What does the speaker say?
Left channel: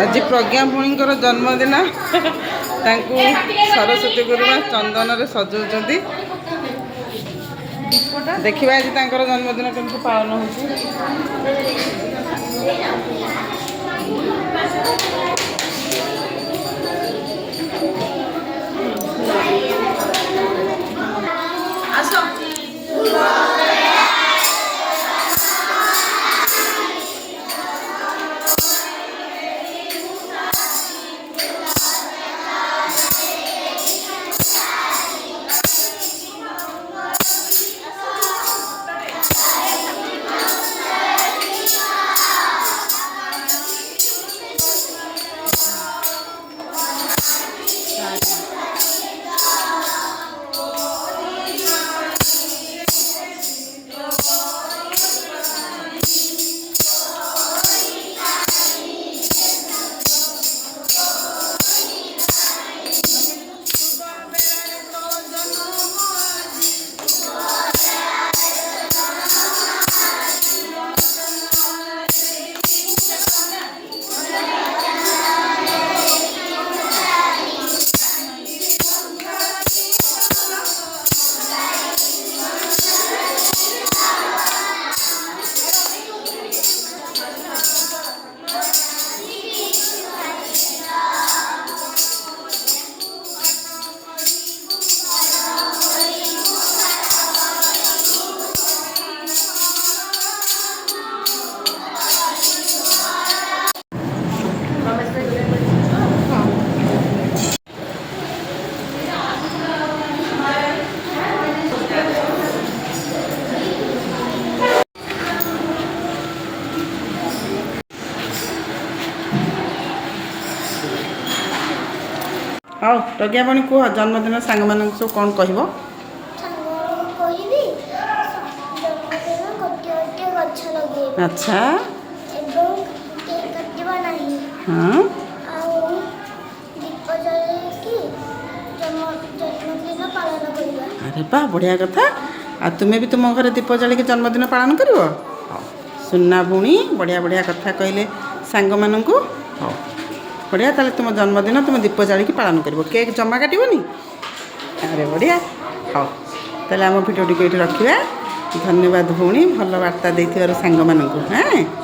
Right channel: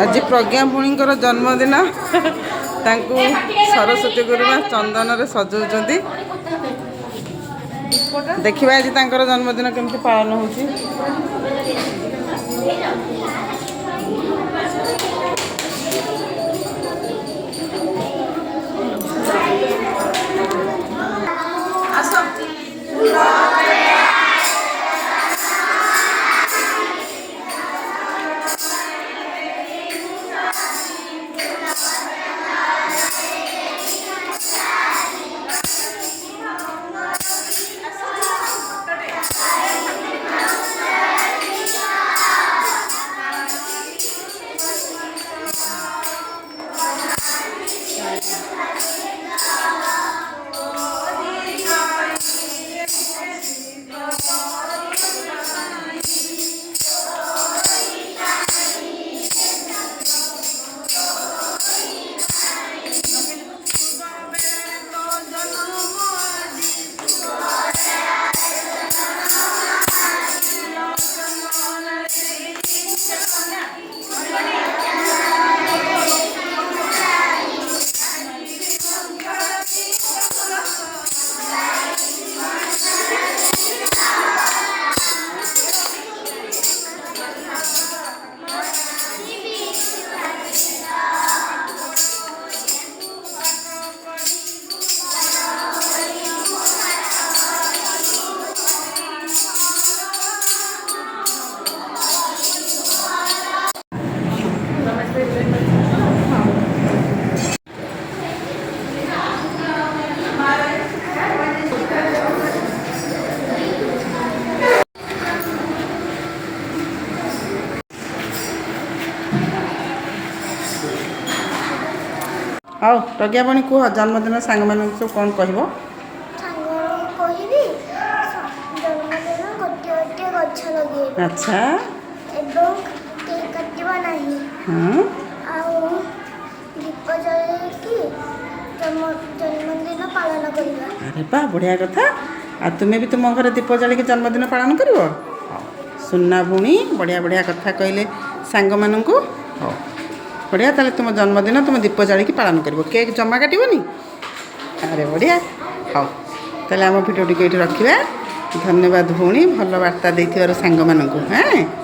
आज प्रज्ञा भौणीଙ୍କର जन्मदिन तांकु सरस्वती गुरुमा चंदन रे सजाउछंती। देखिबा आज तांकर जन्मदिन केमति पालन होउची। आसो आओ प्रज्ञा भौणी कह जन्मदिन सांग मान सब कौन कह अच्छा हाँ अरे बा बढ़िया कथा आ तुम्हें भी तुम घर दीप जल के जन्मदिन पालन कर सुना भौणी बढ़िया बढ़िया कथा कहले सांग मान हाँ बढ़िया ताले तुम जन्मदिन तुम दीप जाली पालन कर केक जमा काटबनी अरे बढ़िया हाँ ताले आम भिडियो टी रखा धन्यवाद भौणी भल वार्ता दे सांग मानू हाँ।